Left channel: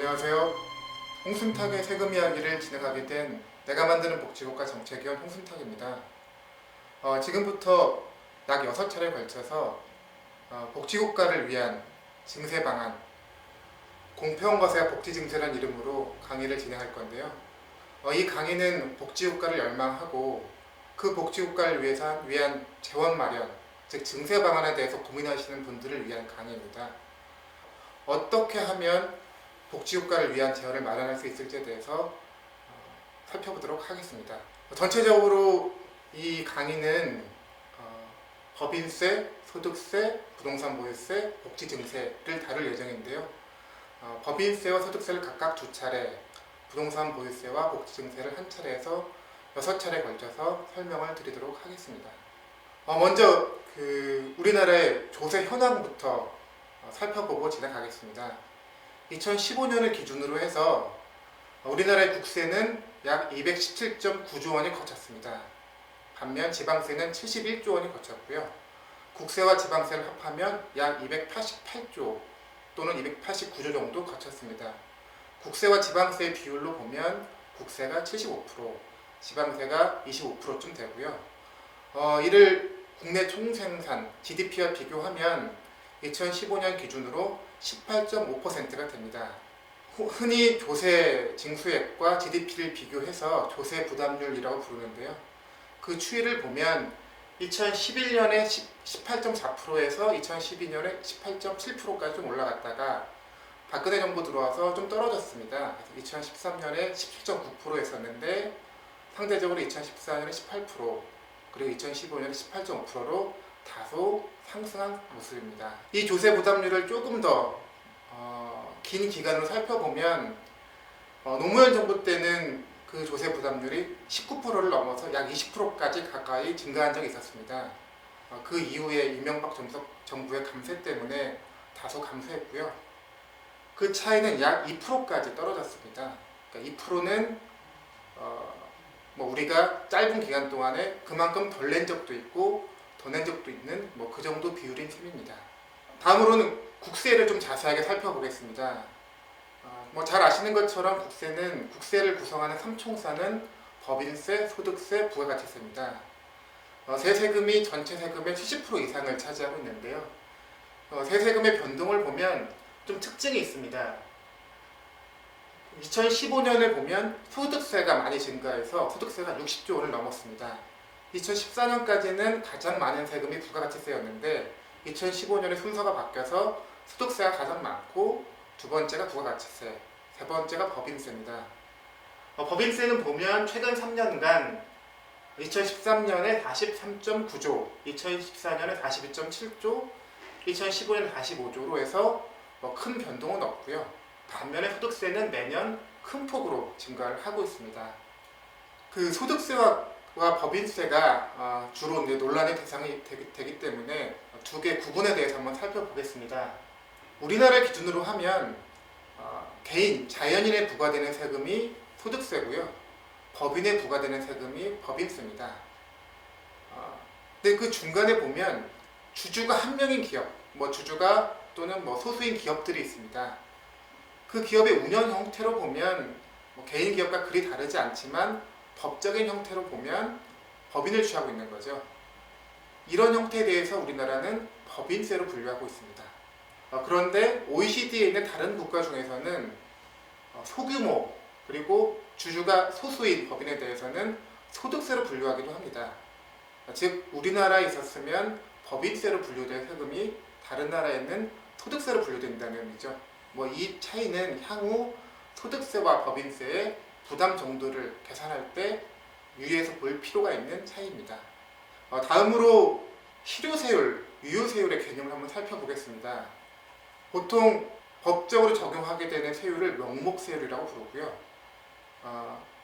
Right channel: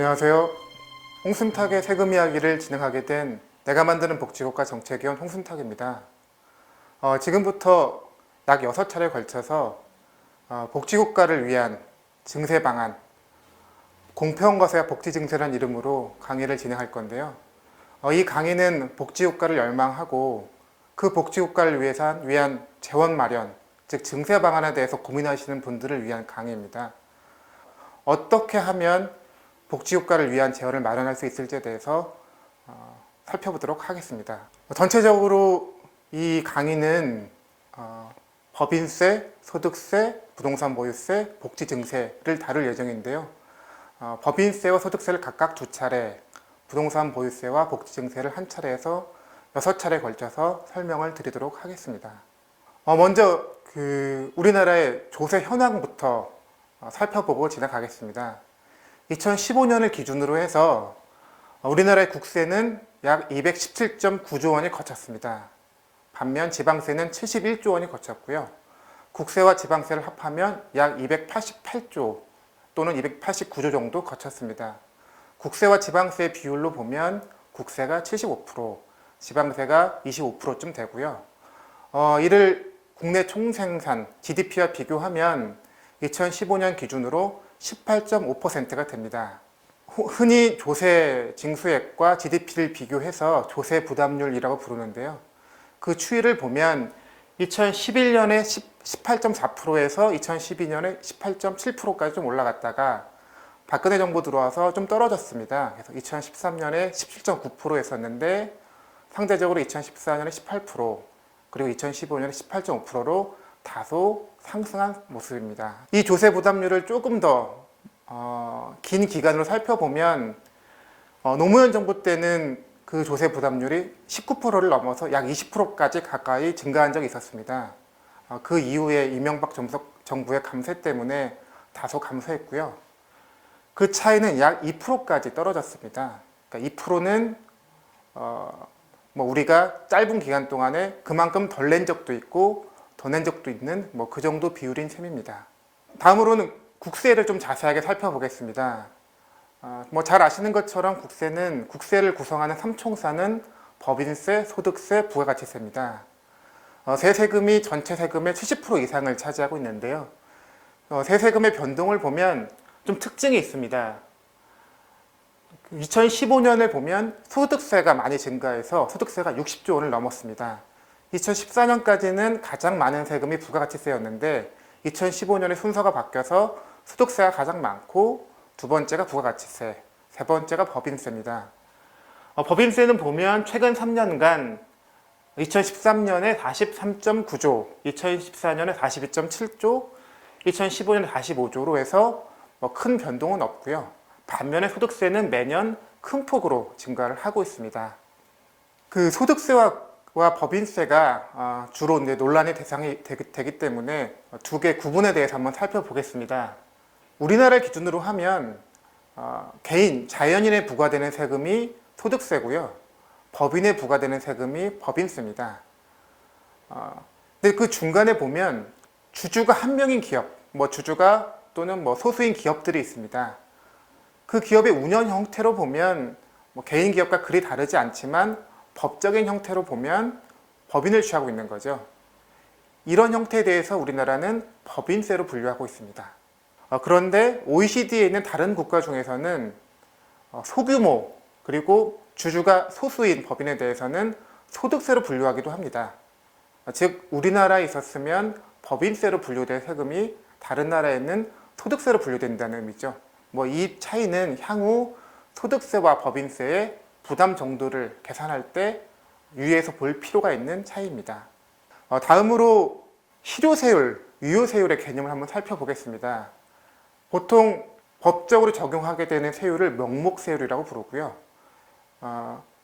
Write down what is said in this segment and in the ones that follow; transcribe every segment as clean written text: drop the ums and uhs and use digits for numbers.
안녕하세요. 홍순탁의 세금 이야기를 진행하게 된 내가 만드는 복지국가 정책위원 홍순탁입니다. 지금부터 약 6차례에 걸쳐서 복지국가를 위한 증세 방안, 공평거세와 복지증세라는 이름으로 강의를 진행할 건데요. 이 강의는 복지국가를 열망하고 그 복지국가를 위한 재원 마련, 즉 증세 방안에 대해서 고민하시는 분들을 위한 강의입니다. 어떻게 하면 복지국가를 위한 재원을 마련할 수 있을지에 대해서 살펴보도록 하겠습니다. 전체적으로 이 강의는 법인세, 소득세, 부동산 보유세, 복지증세를 다룰 예정인데요. 법인세와 소득세를 각각 2차례, 부동산 보유세와 복지증세를 한 차례에서 6차례에 걸쳐서 설명을 드리도록 하겠습니다. 먼저 우리나라의 조세 현황부터 살펴보고 지나가겠습니다. 2015년을 기준으로 해서 우리나라의 국세는 약 217.9조 원이 거쳤습니다. 반면 지방세는 71조 원이 거쳤고요. 국세와 지방세를 합하면 약 288조 또는 289조 정도 거쳤습니다. 국세와 지방세의 비율로 보면 국세가 75%, 지방세가 25%쯤 되고요. 이를 국내 총생산 GDP와 비교하면 2015년 기준으로 18.5%가 됩니다. 흔히 조세 징수액과 GDP를 비교해서 조세 부담률이라고 부르는데요. 그 추이를 보면 2011년에 18.4%에서 2012년에 18.7%까지 좀 올라갔다가 박근혜 정부 들어와서 좀 떨어졌습니다. 그래서 2013년에 17.9%였었는데 상대적으로 2014년에 18%, 그리고 2015년에 18.5%로 다소 상승한 모습입니다. 이 조세 부담률을 조금 더 긴 기간으로 살펴보면 노무현 정부 때는 그 조세 부담률이 19%를 넘어서 약 20%까지 가까이 증가한 적이 있었습니다. 그 이후에 이명박 정부의 감세 때문에 다소 감소했고요. 그 차이는 약 2%까지 떨어졌습니다. 그러니까 2%는 우리가 짧은 기간 동안에 그만큼 덜 낸 적도 있고 더 낸 적도 있는 그 정도 비율인 셈입니다. 다음으로는 국세를 좀 자세하게 살펴보겠습니다. 잘 아시는 것처럼 국세를 구성하는 3총사는 법인세, 소득세, 부가가치세입니다. 세금이 전체 세금의 70% 이상을 차지하고 있는데요. 세금의 변동을 보면 좀 특징이 있습니다. 2015년을 보면 소득세가 많이 증가해서 소득세가 60조 원을 넘었습니다. 2014년까지는 가장 많은 세금이 부가가치세였는데 2015년에 순서가 바뀌어서 소득세가 가장 많고 두 번째가 부가가치세, 세 번째가 법인세입니다. 법인세는 보면 최근 3년간 2013년에 43.9조, 2014년에 42.7조, 2015년에 45조로 해서 큰 변동은 없고요. 반면에 소득세는 매년 큰 폭으로 증가를 하고 있습니다. 그 소득세와 법인세가 주로 이제 논란의 대상이 되기 때문에 두 개 구분에 대해서 한번 살펴보겠습니다. 우리나라 기준으로 하면 자연인에 부과되는 세금이 소득세고요. 법인에 부과되는 세금이 법인세입니다. 근데 그 중간에 보면 주주가 한 명인 기업, 주주가 또는 소수인 기업들이 있습니다. 그 기업의 운영 형태로 보면 개인 기업과 그리 다르지 않지만 법적인 형태로 보면 법인을 취하고 있는 거죠. 이런 형태에 대해서 우리나라는 법인세로 분류하고 있습니다. 그런데 OECD에 있는 다른 국가 중에서는 소규모 그리고 주주가 소수인 법인에 대해서는 소득세로 분류하기도 합니다. 즉 우리나라에 있었으면 법인세로 분류될 세금이 다른 나라에는 소득세로 분류된다는 의미죠. 이 차이는 향후 소득세와 법인세의 부담 정도를 계산할 때 유의해서 볼 필요가 있는 차이입니다. 다음으로 실효세율, 유효세율의 개념을 한번 살펴보겠습니다. 보통 법적으로 적용하게 되는 세율을 명목세율이라고 부르고요.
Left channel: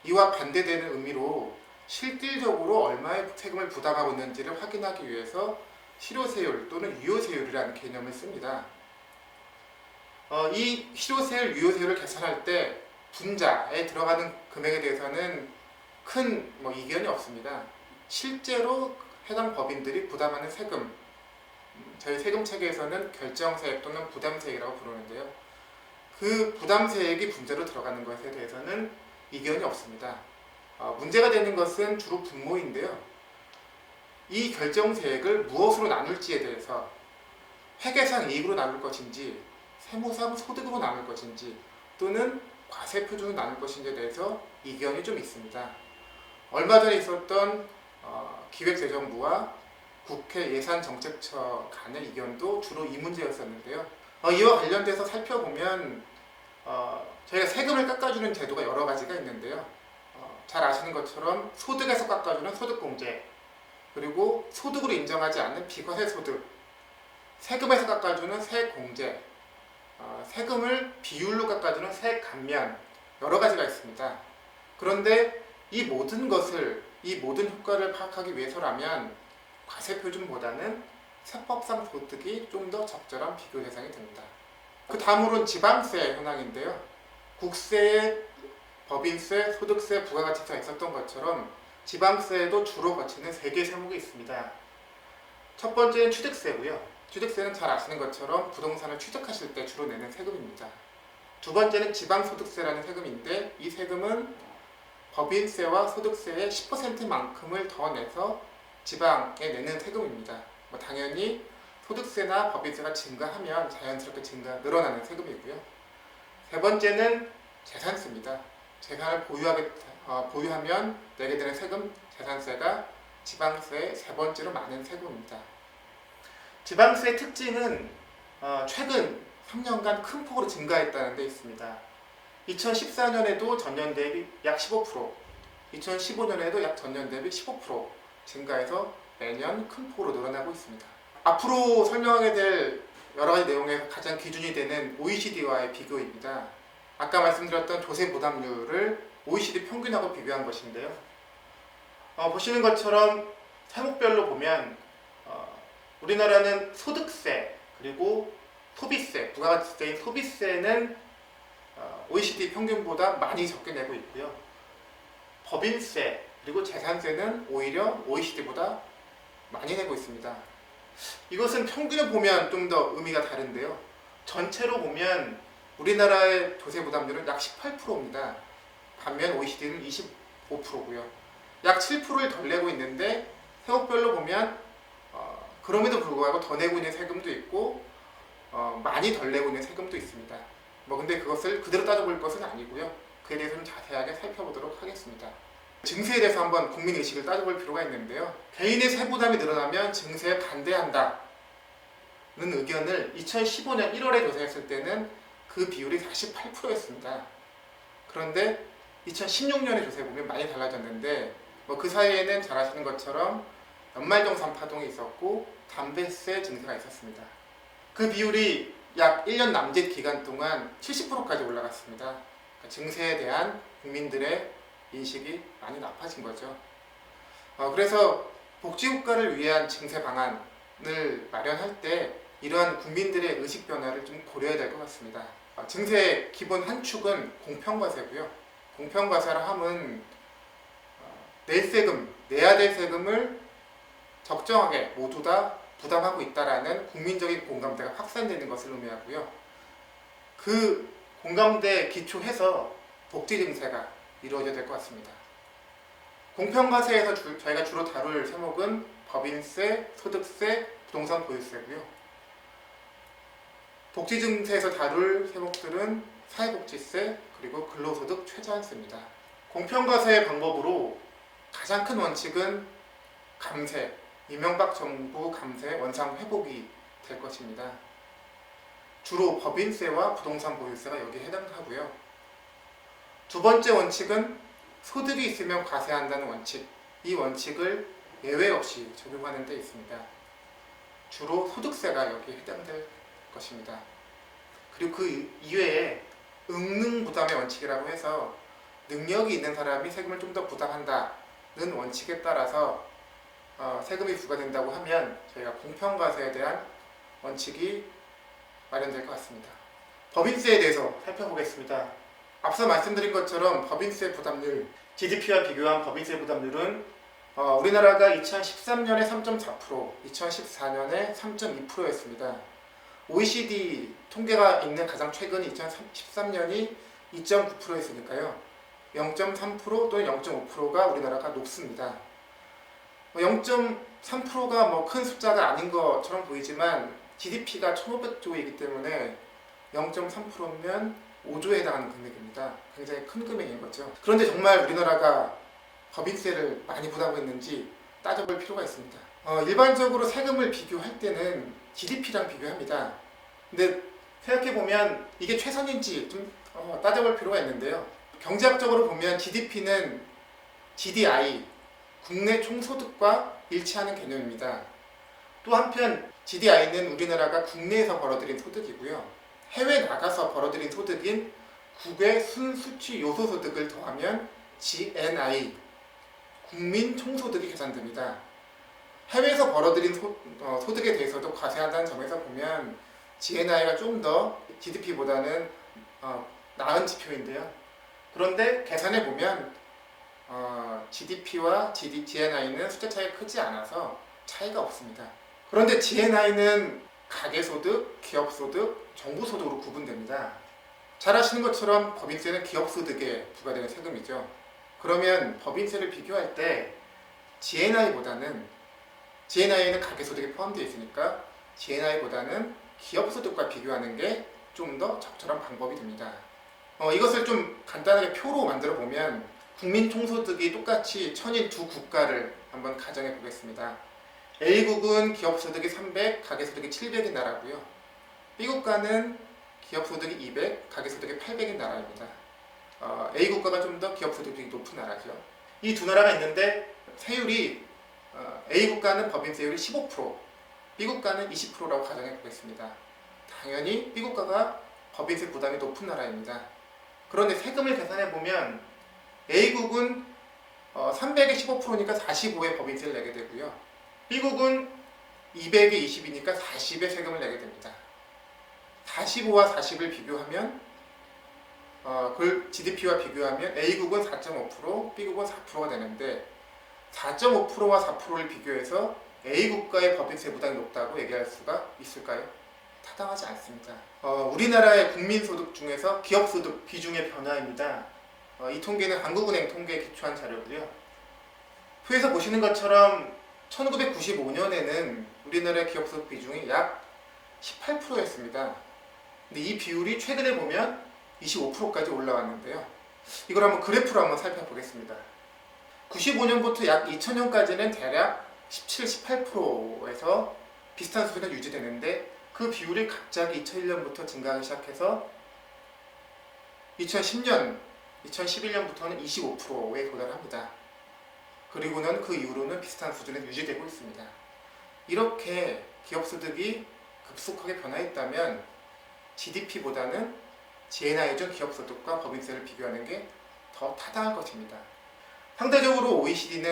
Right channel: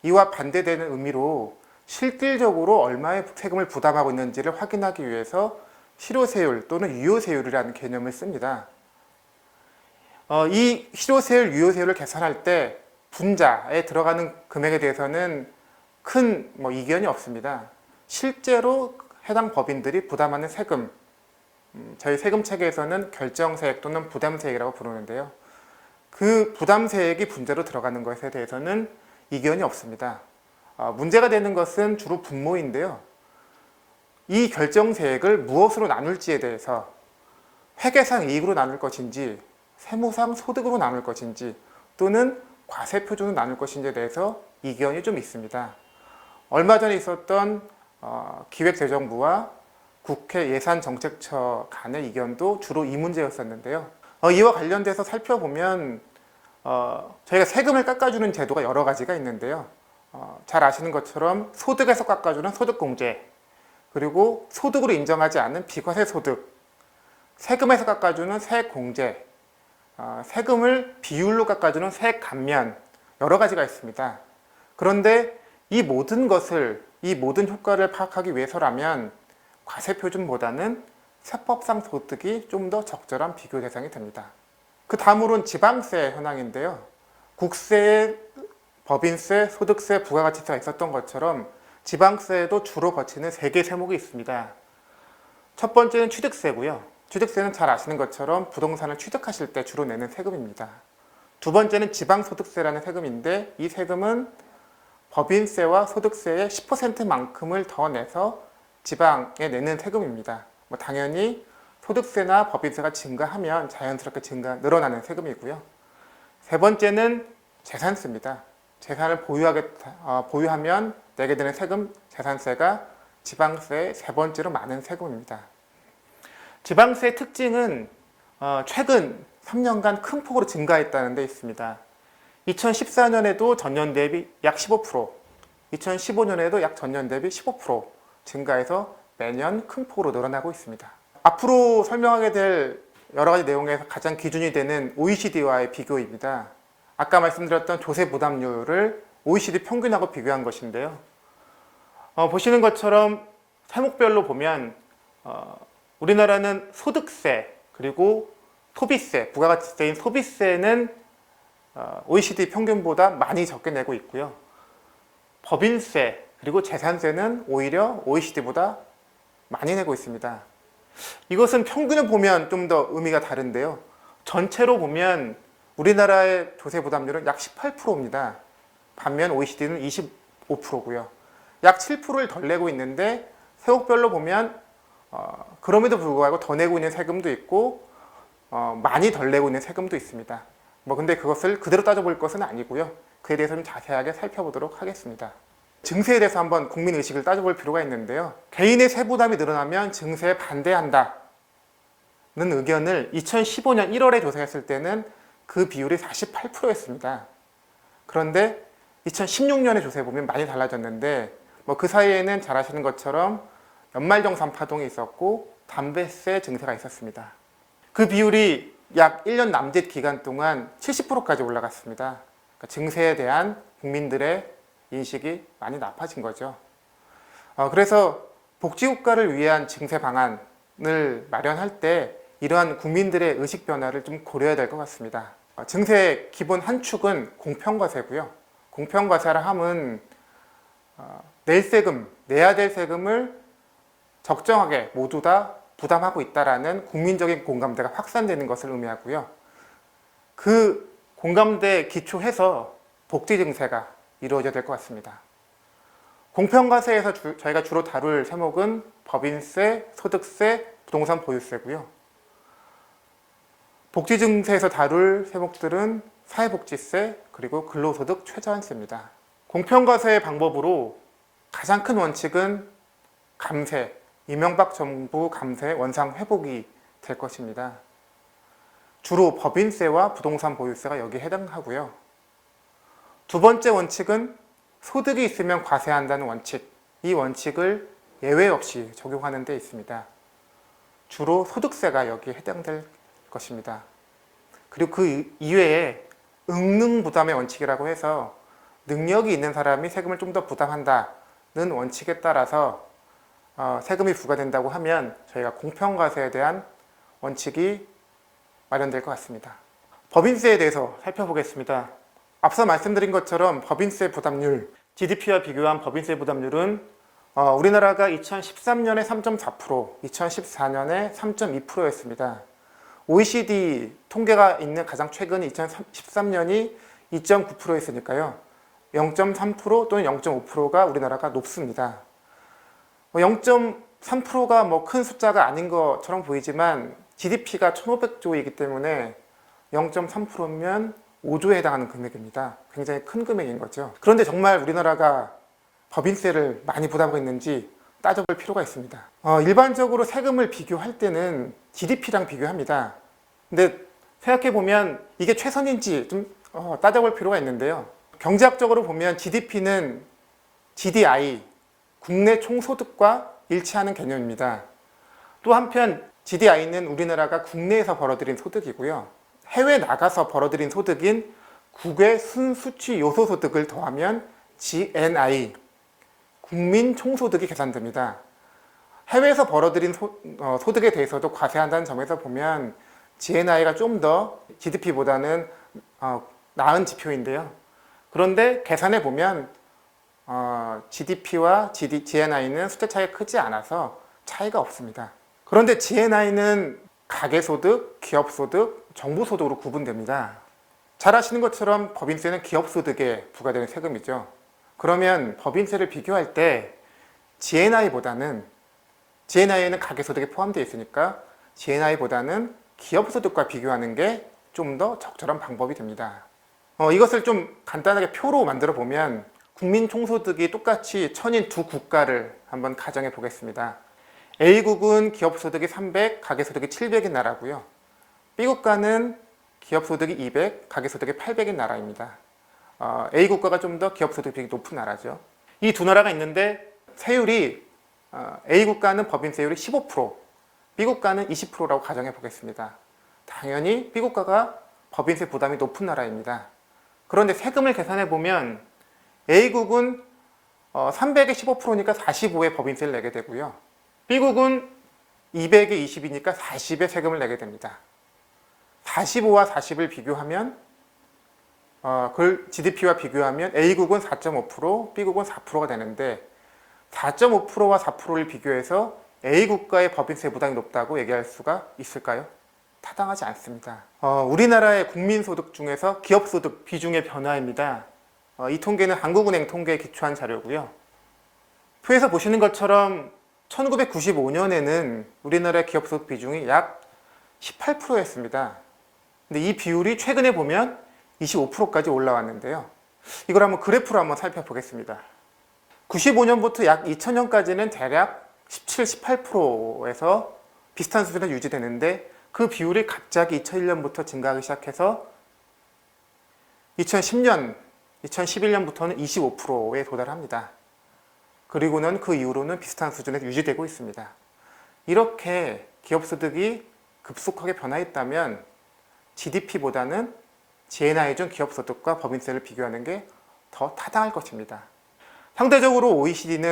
이와 반대되는 의미로 실질적으로 얼마의 세금을 부담하고 있는지를 확인하기 위해서 실효세율 또는 유효세율이라는 개념을 씁니다. 이 실효세율, 유효세율을 계산할 때 분자에 들어가는 금액에 대해서는 큰 이견이 없습니다. 실제로 해당 법인들이 부담하는 세금, 저희 세금 체계에서는 결정세액 또는 부담세액이라고 부르는데요. 그 부담세액이 분자로 들어가는 것에 대해서는 이견이 없습니다. 문제가 되는 것은 주로 분모인데요. 이 결정세액을 무엇으로 나눌지에 대해서 회계상 이익으로 나눌 것인지 세무상 소득으로 나눌 것인지 또는 과세표준으로 나눌 것인지에 대해서 이견이 좀 있습니다. 얼마 전에 있었던 기획재정부와 국회 예산정책처 간의 이견도 주로 이 문제였었는데요. 이와 관련돼서 살펴보면 저희가 세금을 깎아주는 제도가 여러 가지가 있는데요. 잘 아시는 것처럼 소득에서 깎아주는 소득공제, 그리고 소득으로 인정하지 않는 비과세 소득, 세금에서 깎아주는 세공제, 세금을 비율로 깎아주는 세감면, 여러 가지가 있습니다. 그런데 이 모든 효과를 파악하기 위해서라면 과세표준보다는 세법상 소득이 좀 더 적절한 비교 대상이 됩니다. 그 다음으로는 지방세 현황인데요. 국세, 법인세, 소득세, 부가가치세가 있었던 것처럼 지방세에도 주로 거치는 3개 세목이 있습니다. 첫 번째는 취득세고요. 취득세는 잘 아시는 것처럼 부동산을 취득하실 때 주로 내는 세금입니다. 두 번째는 지방소득세라는 세금인데 이 세금은 법인세와 소득세의 10%만큼을 더 내서 지방에 내는 세금입니다. 당연히 소득세나 법인세가 증가하면 자연스럽게 늘어나는 세금이고요. 세 번째는 재산세입니다. 재산을 보유하면 내게 되는 세금, 재산세가 지방세의 세 번째로 많은 세금입니다. 지방세의 특징은 최근 3년간 큰 폭으로 증가했다는 데 있습니다. 2014년에도 전년 대비 약 15%, 2015년에도 약 전년 대비 15% 증가해서 매년 큰 폭으로 늘어나고 있습니다. 앞으로 설명하게 될 여러 가지 내용에서 가장 기준이 되는 OECD와의 비교입니다. 아까 말씀드렸던 조세 부담률을 OECD 평균하고 비교한 것인데요. 보시는 것처럼 세목별로 보면 우리나라는 소득세 그리고 소비세, 부가가치세인 소비세는 OECD 평균보다 많이 적게 내고 있고요. 법인세 그리고 재산세는 오히려 OECD보다 많이 내고 있습니다. 이것은 평균을 보면 좀 더 의미가 다른데요. 전체로 보면 우리나라의 조세 부담률은 약 18%입니다. 반면 OECD는 25%고요. 약 7%를 덜 내고 있는데 세목별로 보면 그럼에도 불구하고 더 내고 있는 세금도 있고 많이 덜 내고 있는 세금도 있습니다. 근데 그것을 그대로 따져볼 것은 아니고요. 그에 대해서 좀 자세하게 살펴보도록 하겠습니다. 증세에 대해서 한번 국민의식을 따져볼 필요가 있는데요. 개인의 세부담이 늘어나면 증세에 반대한다는 의견을 2015년 1월에 조사했을 때는 그 비율이 48%였습니다. 그런데 2016년에 조사해보면 많이 달라졌는데 그 사이에는 잘 아시는 것처럼 연말정산 파동이 있었고 담배세 증세가 있었습니다. 그 비율이 약 1년 남짓 기간 동안 70%까지 올라갔습니다. 그러니까 증세에 대한 국민들의 인식이 많이 나빠진 거죠. 그래서 복지국가를 위한 증세 방안을 마련할 때 이러한 국민들의 의식 변화를 좀 고려해야 될 것 같습니다. 증세의 기본 한 축은 공평과세고요. 공평과세라 함은 내야 될 세금을 적정하게 모두 다 부담하고 있다라는 국민적인 공감대가 확산되는 것을 의미하고요. 그 공감대에 기초해서 복지 증세가 이루어져야 될 것 같습니다. 공평과세에서 저희가 주로 다룰 세목은 법인세, 소득세, 부동산 보유세고요. 복지 증세에서 다룰 세목들은 사회복지세 그리고 근로소득 최저한세입니다. 공평과세의 방법으로 가장 큰 원칙은 감세, 이명박 정부 감세 원상 회복이 될 것입니다. 주로 법인세와 부동산 보유세가 여기에 해당하고요. 두 번째 원칙은 소득이 있으면 과세한다는 원칙, 이 원칙을 예외 없이 적용하는 데 있습니다. 주로 소득세가 여기에 해당될 것입니다. 그리고 그 이외에 응능부담의 원칙이라고 해서 능력이 있는 사람이 세금을 좀 더 부담한다는 원칙에 따라서 세금이 부과된다고 하면 저희가 공평과세에 대한 원칙이 마련될 것 같습니다. 법인세에 대해서 살펴보겠습니다. 앞서 말씀드린 것처럼 법인세 부담률, GDP와 비교한 법인세 부담률은 우리나라가 2013년에 3.4%, 2014년에 3.2%였습니다. OECD 통계가 있는 가장 최근이 2013년이 2.9%였으니까요. 0.3% 또는 0.5%가 우리나라가 높습니다. 0.3%가 뭐 큰 숫자가 아닌 것처럼 보이지만 GDP가 1,500조이기 때문에 0.3%면 5조에 해당하는 금액입니다. 굉장히 큰 금액인 거죠. 그런데 정말 우리나라가 법인세를 많이 부담하고 있는지 따져볼 필요가 있습니다. 일반적으로 세금을 비교할 때는 GDP랑 비교합니다. 근데 생각해보면 이게 최선인지 좀 따져볼 필요가 있는데요. 경제학적으로 보면 GDP는 GDI, 국내 총소득과 일치하는 개념입니다. 또 한편 GDI는 우리나라가 국내에서 벌어들인 소득이고요. 해외 나가서 벌어들인 소득인 국외 순수취 요소소득을 더하면 GNI, 국민 총소득이 계산됩니다. 해외에서 벌어들인 소득에 대해서도 과세한다는 점에서 보면 GNI가 좀 더 GDP보다는 나은 지표인데요. 그런데 계산해 보면 GDP와 GNI는 숫자 차이가 크지 않아서 차이가 없습니다. 그런데 GNI는 가계소득, 기업소득, 정부소득으로 구분됩니다. 잘 아시는 것처럼 법인세는 기업소득에 부과되는 세금이죠. 그러면 법인세를 비교할 때 GNI는 가계소득에 포함되어 있으니까 GNI보다는 기업소득과 비교하는 게 좀 더 적절한 방법이 됩니다. 이것을 좀 간단하게 표로 만들어 보면 국민 총소득이 똑같이 천인 두 국가를 한번 가정해 보겠습니다. A국은 기업소득이 300, 가계소득이 700인 나라고요. B국가는 기업소득이 200, 가계소득이 800인 나라입니다. A국가가 좀 더 기업소득이 높은 나라죠. 이 두 나라가 있는데 세율이 A국가는 법인세율이 15%, B국가는 20%라고 가정해 보겠습니다. 당연히 B국가가 법인세 부담이 높은 나라입니다. 그런데 세금을 계산해 보면 A국은 300에 15%니까 45의 법인세를 내게 되고요. B국은 200에 20이니까 40의 세금을 내게 됩니다. 45와 40을 비교하면 그걸 GDP와 비교하면 A국은 4.5%, B국은 4%가 되는데 4.5%와 4%를 비교해서 A국가의 법인세 부담이 높다고 얘기할 수가 있을까요? 타당하지 않습니다. 우리나라의 국민소득 중에서 기업소득 비중의 변화입니다. 이 통계는 한국은행 통계에 기초한 자료고요. 표에서 보시는 것처럼 1995년에는 우리나라의 기업소득 비중이 약 18%였습니다. 근데 이 비율이 최근에 보면 25%까지 올라왔는데요. 이걸 한번 그래프로 한번 살펴보겠습니다. 95년부터 약 2000년까지는 대략 17, 18%에서 비슷한 수준으로 유지되는데 그 비율이 갑자기 2001년부터 증가하기 시작해서 2010년, 2011년부터는 25%에 도달합니다. 그리고는 그 이후로는 비슷한 수준에 유지되고 있습니다. 이렇게 기업소득이 급속하게 변화했다면 GDP보다는 GNI 중 기업소득과 법인세를 비교하는 게 더 타당할 것입니다. 상대적으로 OECD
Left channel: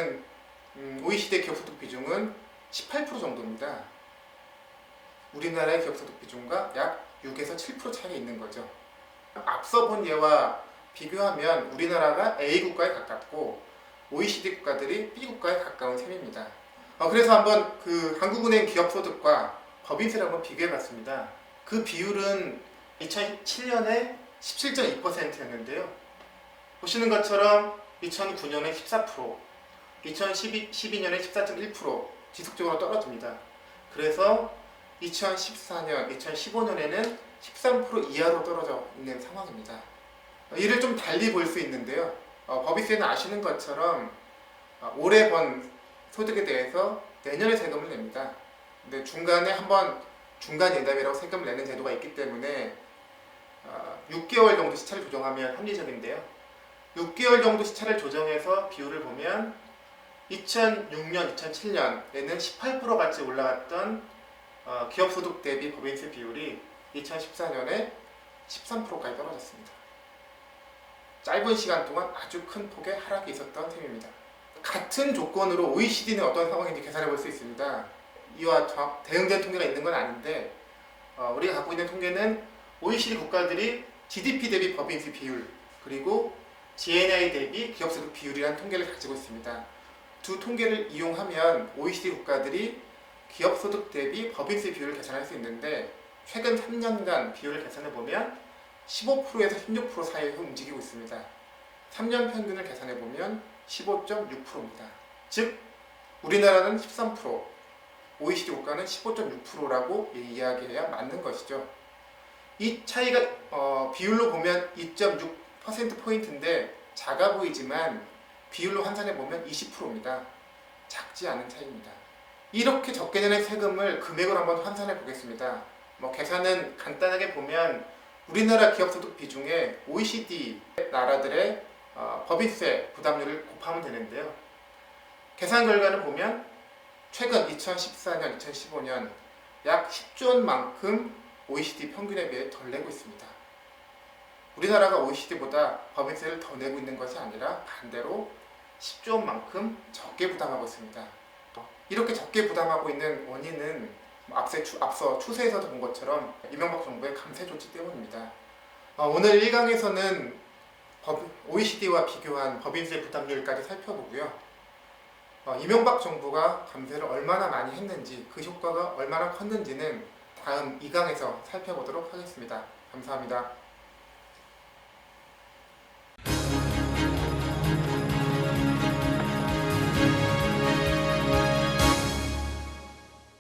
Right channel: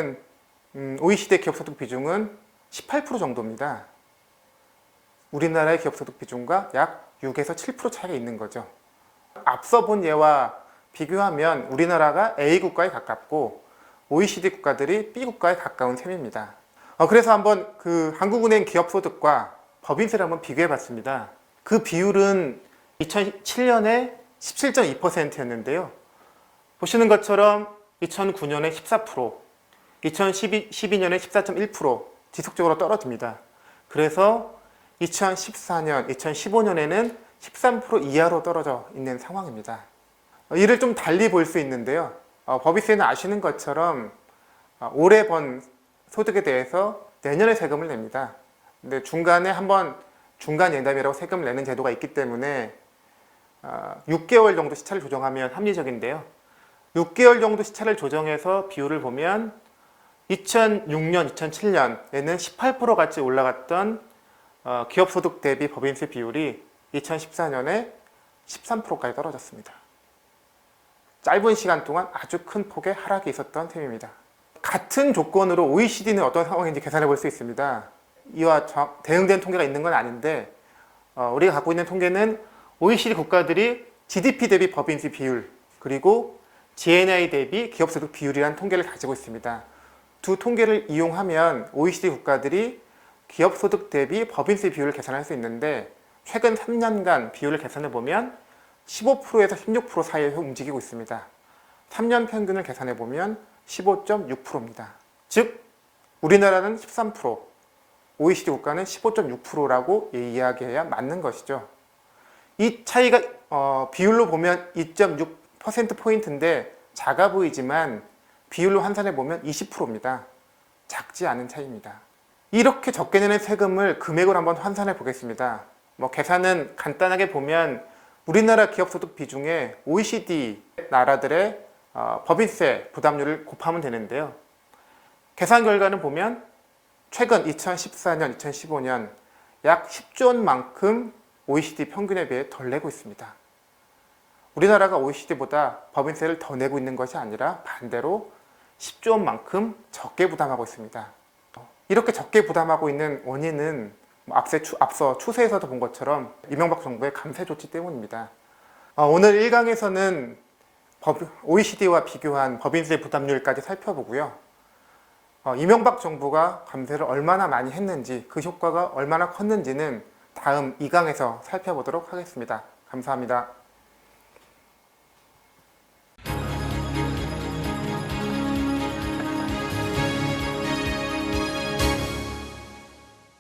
기업소득 비중은 18% 정도입니다. 우리나라의 기업소득 비중과 약 6에서 7% 차이가 있는 거죠. 앞서 본 예와 비교하면 우리나라가 A국가에 가깝고 OECD 국가들이 B국가에 가까운 셈입니다. 그래서 한번 그 한국은행 기업소득과 법인세를 한번 비교해 봤습니다. 그 비율은 2007년에 17.2%였는데요. 보시는 것처럼 2009년에 14%, 2012년에 14.1% 지속적으로 떨어집니다. 그래서 2014년, 2015년에는 13% 이하로 떨어져 있는 상황입니다. 이를 좀 달리 볼 수 있는데요. 법인세는 아시는 것처럼 올해 번 소득에 대해서 내년에 세금을 냅니다. 근데 중간에 한번 중간 예담이라고 세금을 내는 제도가 있기 때문에 6개월 정도 시차를 조정하면 합리적인데요. 6개월 정도 시차를 조정해서 비율을 보면 2006년, 2007년에는 18%같이 올라갔던 기업소득 대비 법인세 비율이 2014년에 13%까지 떨어졌습니다. 짧은 시간 동안 아주 큰 폭의 하락이 있었던 셈입니다. 같은 조건으로 OECD는 어떤 상황인지 계산해 볼 수 있습니다. 이와 대응된 통계가 있는 건 아닌데 우리가 갖고 있는 통계는 OECD 국가들이 GDP 대비 법인세 비율 그리고 GNI 대비 기업소득 비율이라는 통계를 가지고 있습니다. 두 통계를 이용하면 OECD 국가들이 기업소득 대비 법인세 비율을 계산할 수 있는데 최근 3년간 비율을 계산해 보면 15%에서 16% 사이에서 움직이고 있습니다. 3년 평균을 계산해 보면 15.6%입니다. 즉 우리나라는 13%, OECD 국가는 15.6%라고 이야기해야 맞는 것이죠. 이 차이가 비율로 보면 2.6%포인트인데 작아 보이지만 비율로 환산해 보면 20%입니다. 작지 않은 차이입니다. 이렇게 적게 내는 세금을 금액으로 한번 환산해 보겠습니다. 계산은 간단하게 보면 우리나라 기업소득 비중에 OECD 나라들의 법인세 부담률을 곱하면 되는데요. 계산 결과는 보면 최근 2014년, 2015년 약 10조 원만큼 OECD 평균에 비해 덜 내고 있습니다. 우리나라가 OECD보다 법인세를 더 내고 있는 것이 아니라 반대로 10조 원만큼 적게 부담하고 있습니다. 이렇게 적게 부담하고 있는 원인은 앞서 추세에서도 본 것처럼 이명박 정부의 감세 조치 때문입니다. 오늘 1강에서는 OECD와 비교한 법인세 부담률까지 살펴보고요. 이명박 정부가 감세를 얼마나 많이 했는지, 그 효과가 얼마나 컸는지는 다음 2강에서 살펴보도록 하겠습니다. 감사합니다.